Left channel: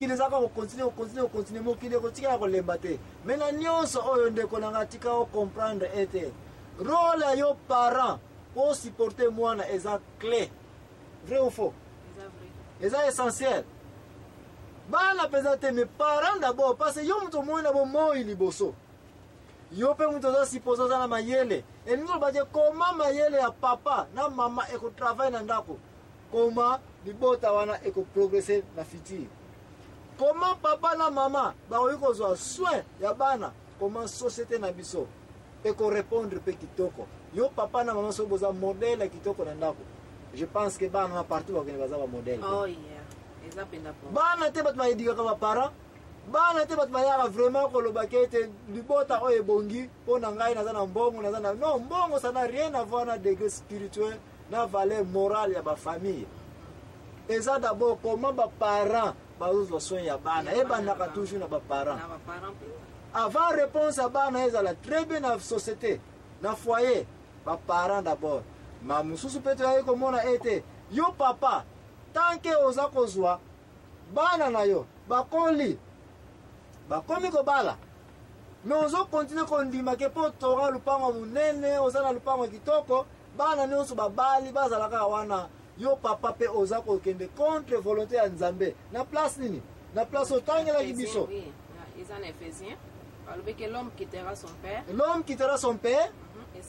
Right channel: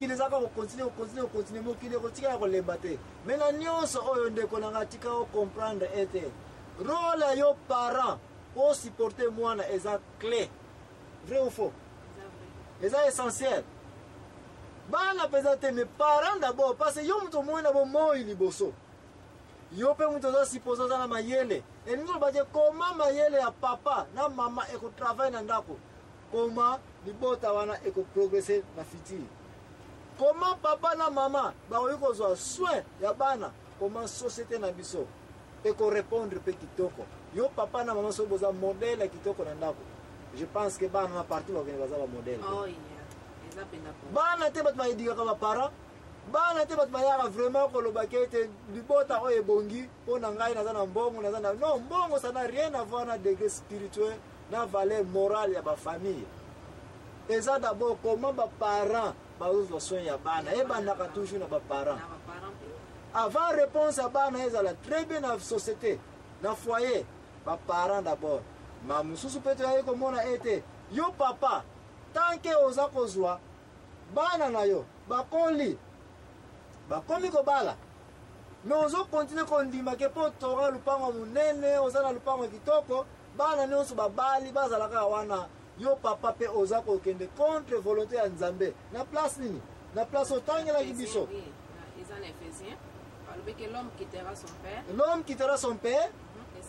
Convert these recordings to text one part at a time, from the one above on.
les a continuer mokili kotika kolemba te. Mena nyonso oyo ndeko nanga tika o comprendre ete rôle ya yo parent pour supporter mwana eza clé. Vrai ou faux? Eza essentiel. Bana pesate mes parents d'abord parce que yo muto mwana bo moi liboso. Yo pe muto za supposer na mayele. Et nous ba dire comment mayele ya papa na mama eko travail na ndako. Comment libota wana eko progresser na futur. Comment papa na mama ba oyiko zo soin ya bana, comment société na biso eko répondre pe kitoko. Yo papa na mama so boza modèle kitoko na ndako. Je pense que bana na partout ba kene baza ba modèle. Oh yeah. Ezapenda po. Bana te bat ma edika kama parents. Bana te bat ma ya vraiment ko lobake te libota oye bongi pona ngai na zana mbongo na zana non mbongo ça n'a rien à voir na degré spirituel na valeur morale ya ba famille. Eza d'abord comment ba parents bazo soin ya bana e bana ka toujours na ba parents. Avant réponse à bana ezala très bien na société na foyer ba parents d'abord. Ma mususu peto ya ko mona ete yo papa tant que oza kozwa bana na yo bakoli bakomi ko bala mais ozo continue ko ndima ke po tora lupango munene ozala lupango kitoko bana nyonso babali bazala ka wana yo papa pe oza ko kende contre volonté ya Nzambe na place nini na place otangela libiso. Oui, ils en Éphésiens parle que l'homme quittera son père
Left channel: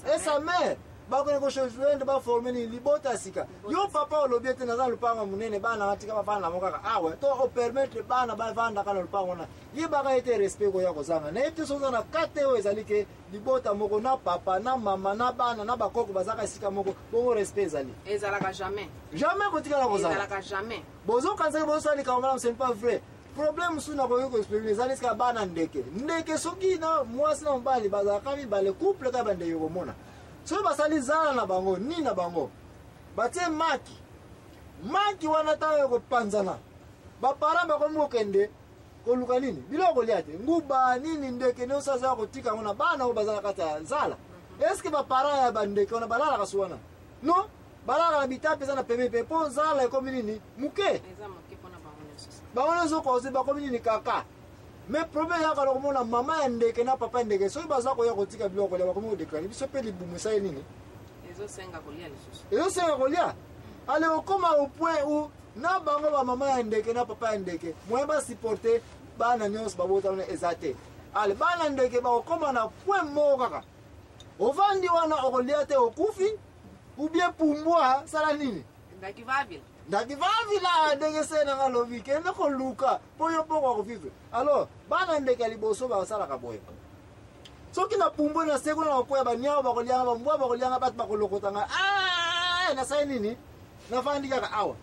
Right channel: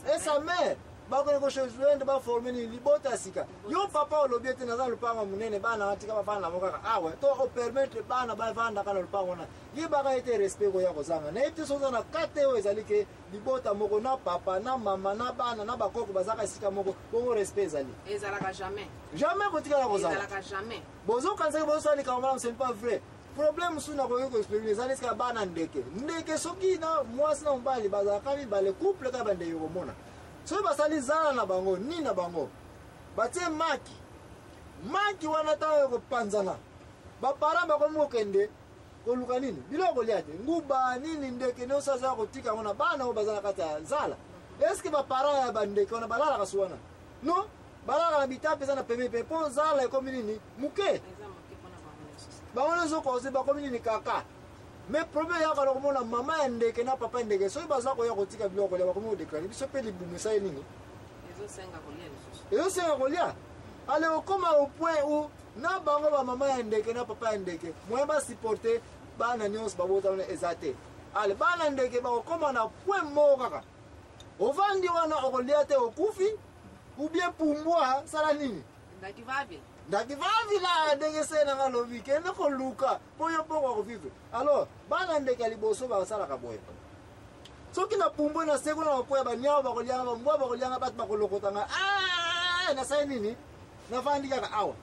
et sa mère. Bakone ko choisir ba former ni libota sika. Yo papa olobiete na za lupango munene bana atika bafana moka awe to o permettre bana ba vanda kana lupango na. Ye baka ete respect ko yako zanga. Na ete soza na kate o ezalike libota moko na papa na mama na bana na bakoko bazaka sika moko bongo respect ezali. Ezalaka jamais. Jamais kotika la kozanga. Ezalaka jamais. Bozo kanza bozo sali kamala c'est pas vrai. Problème sous na ko expliquer ezali ska bana ndeke. Ndeke soki na mwasi na mbali bazaka mi bale couple ka bande yo mona. So basali zala na bango ni na bango batie maki wana tawe ko panzana ba para ba ko mokende ko luka nini biloko liate nguba nini ndeke ne osaza ko tika ngona bana o bazala kata zala est-ce que ba para ya bandeke ona balala kasuwana non balala na bitape za na peme pepo zala ko nini muke eza muke pona ba wona zo ko se ba ko nini kaka. Mais problème ya kala komona mama ya ndeke na papa ndeke so baza ko ya kotika biloko ya bakomo déclarer biso pe libumisa nini ezo senga kolia lisusu ezo senga kolia ale okoma au point où na bango ba mama ya ndeke na papa ya ndeke moi ba supporter bana nyos babota na ezate ale bana ndeke ba okoma na point moko kaka ovandi wana okolia te okufi ou bien pumbwa sala nini ndakivavila ndenge sena ngalobi kende ko luka poyo poko ko vivre alors bana ndeke liboso ba sala ka boyo soki na pumbo na seko na koya banyao ba kolianga ba mbwa ba kolianga bat ba kolokotanga na sai nini na fandika ka awa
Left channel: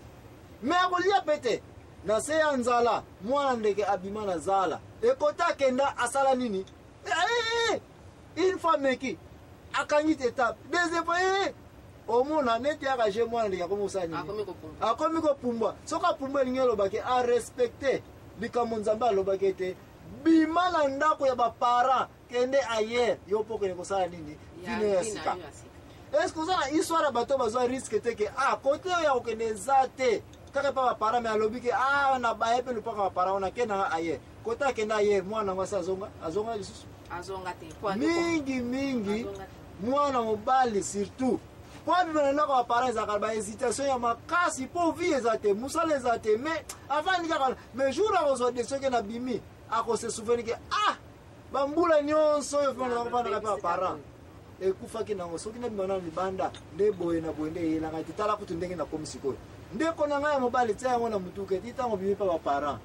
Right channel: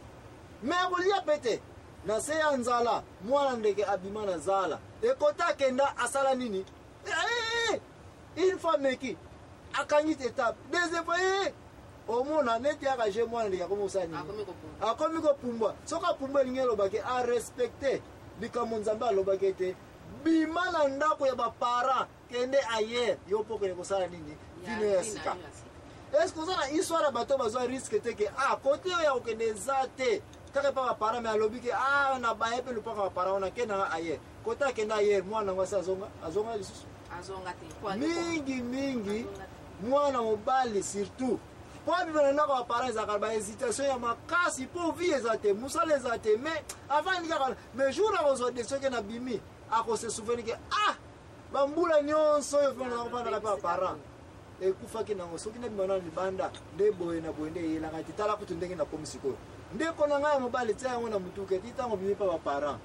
me akolia pete na se ya nzala mwana ndeke abima na zala ekota kenda asala nini une femme qui akangit étape deuxième fois omona neti aka je mwana ndika komo usani akomi ko pumbwa soka pumbwa lingelo bake a respecter likambo Nzambe alobake te bima na ndako ya ba parents kende ayer yo poko ko sala nini vino ya sika. Est-ce que ça histoire bato bazo risque te ke côté ya okende zate kaka pa ba parents me alobike na ba epe lupa ba parents na kena ayer kota kenda ayer mwana ngwasa azonga lisusu azonga te mingi mwana mobali surtout kwa bibana na kwa parents za ba hésitation ya makasi po vie ezate musale ezate mais avant ndika mais jour a ozo de soke na bimi ako se souvenir ke bambula nyonso yo fana na bana ka parents ekufa ke nango soki na bimana ni banda nde boye na boye nde yela ngati tala kutu ndenge na komisiko nde kona ngaya mobali tsa ngo na mutuke titango bimi pa ba parents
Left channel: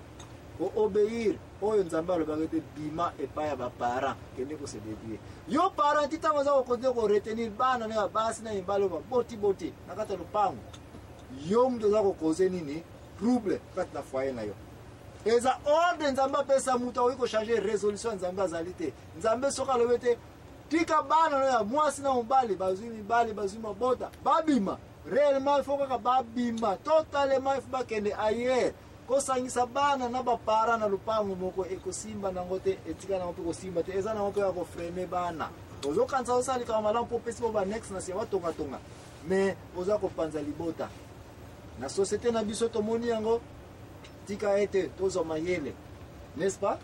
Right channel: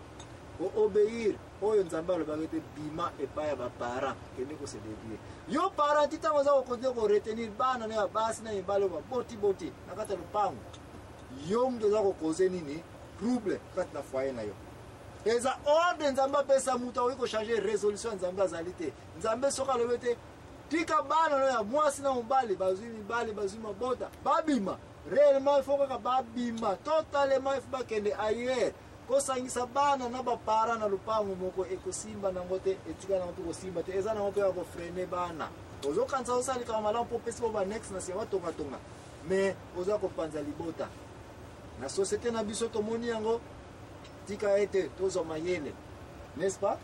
o obéir oyo Nzambe alobaka te bima epa ya ba parents kende ko se dédier yo parents titango za ko konde ko retenir bana na basi na imbalo ba boti na kata lupango yo mdo za ko causer nini trouble kati na foyer na yo eza ordre Nzambe pesa muta oiko changer résolution Nzambe azalite Nzambe soka lobete tika bana na ya mwasi na mbali bazui mabota babima réellement il faut que babima totalement il faut bakende ailleurs ko sangisa bana na ba para na lupango moko ekosimba na ngote etika na ngote ko simba te eza na ngote ya ko freiner bana ozo kanza osali kama malampo pesi ba next na se watonga mais oza ko panza libota na société na biso to moni yango tika ete tozo mayele, n'est-ce pas?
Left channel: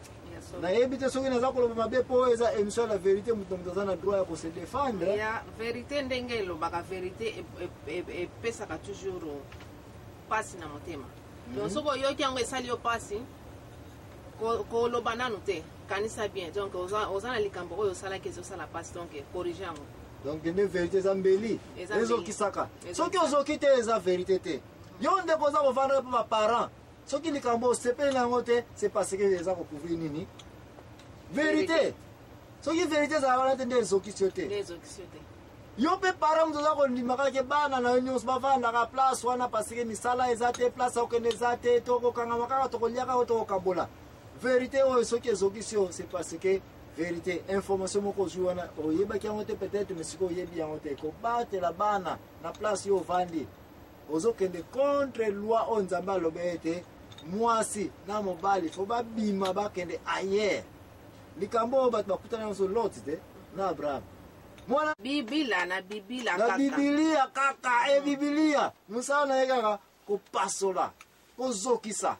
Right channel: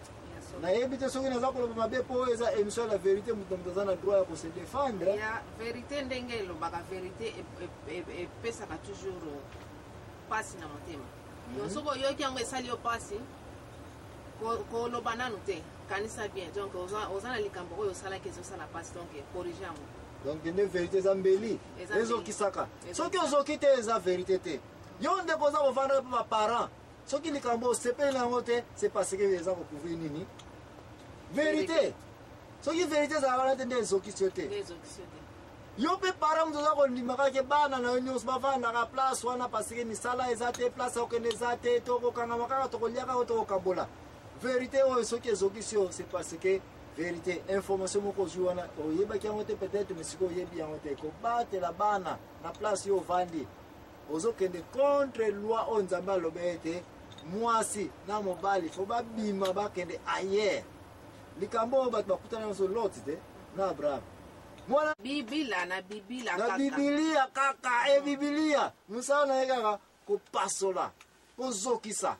Na ebite soki naza koloba mabe po eza émission la vérité mutu na droit ya se défendre. Ya vérité ndenge lobaka vérité et pesaka toujours pasi na motema. Donc soko yoki yango esali yo pasi ko loba nanu te kanisa bien. Donc oza na likambo oyo sala ke sala pasi donc corriger yango. Donc une vérité zambeli. Ezo kisaka. Soki ozoki te eza vérité te. Yo ndeko za kovanda pa parents. Ce qui est cambo, c'est parce que les gens ont couvert nini. Vérité. Ce qui est vérité, c'est que les gens yo pe parents nous avons dit que bana na news bavanda ka place wana parce que misala ezate place okenezate toko kanga makaka toko liaka to kabola. Vérité o ce qui est c'est parce que vérité information moko juana oyeba ki ngote peut-être mais siko yebi ngote ko battre la bana na place yo vandi. Ozokende contre loi on nzamba lobete. Mwasi na mobali fo ba bima ba kende ayer likambo bat bakutana nso loti te na Abraham mwana biblia kaka biblia kaka biblia musana yeka ko pasola ko zokisa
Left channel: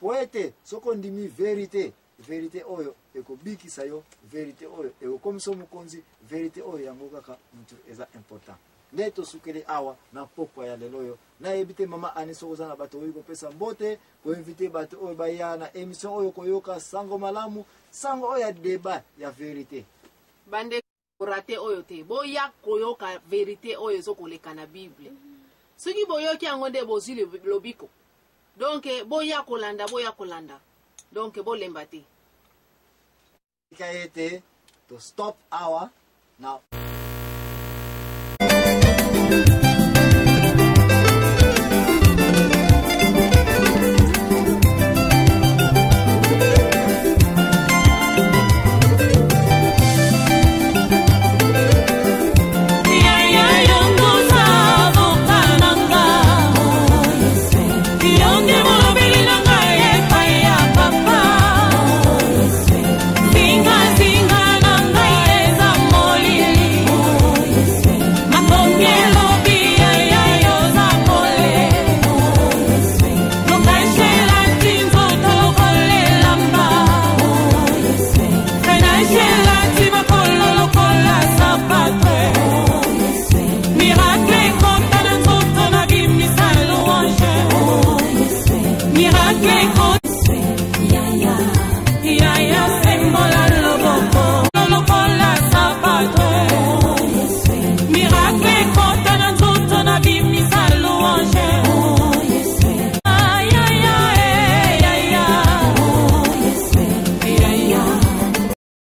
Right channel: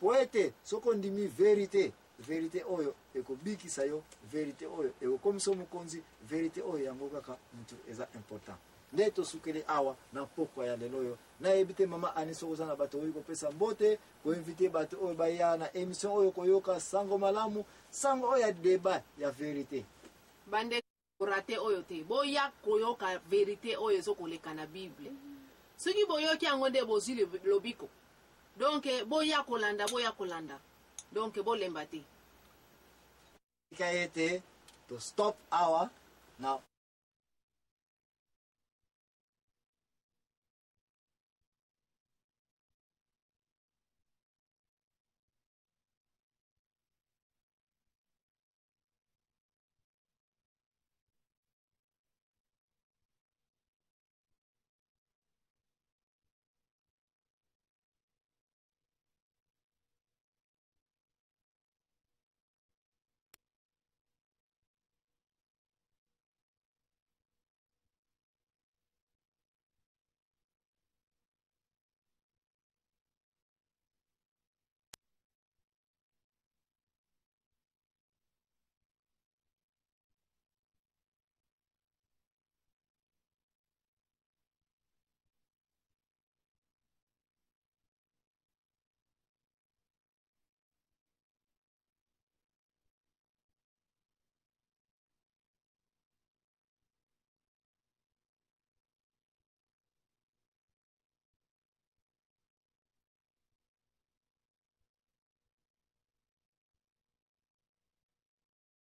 poete soko ndimi vérité oyo ekobikisa yo vérité oyo ekokomisa mukonzi vérité oyo yango kaka mutu eza important. Neto sukele awa na pokwa ya lelo yo na ebite mama aniso kozana bato oyo kopesa mbote ko inviter bato oyo baya na émission oyo koyoka sango malamu sango oyo ya débat ya vérité bande raté oyo te boya koyoka vérité oyo zokoleka na Bible soki boyoki yango nde bozili lobiko donc boya kolanda donc bolemba te ikaete to stop hour now. Miracle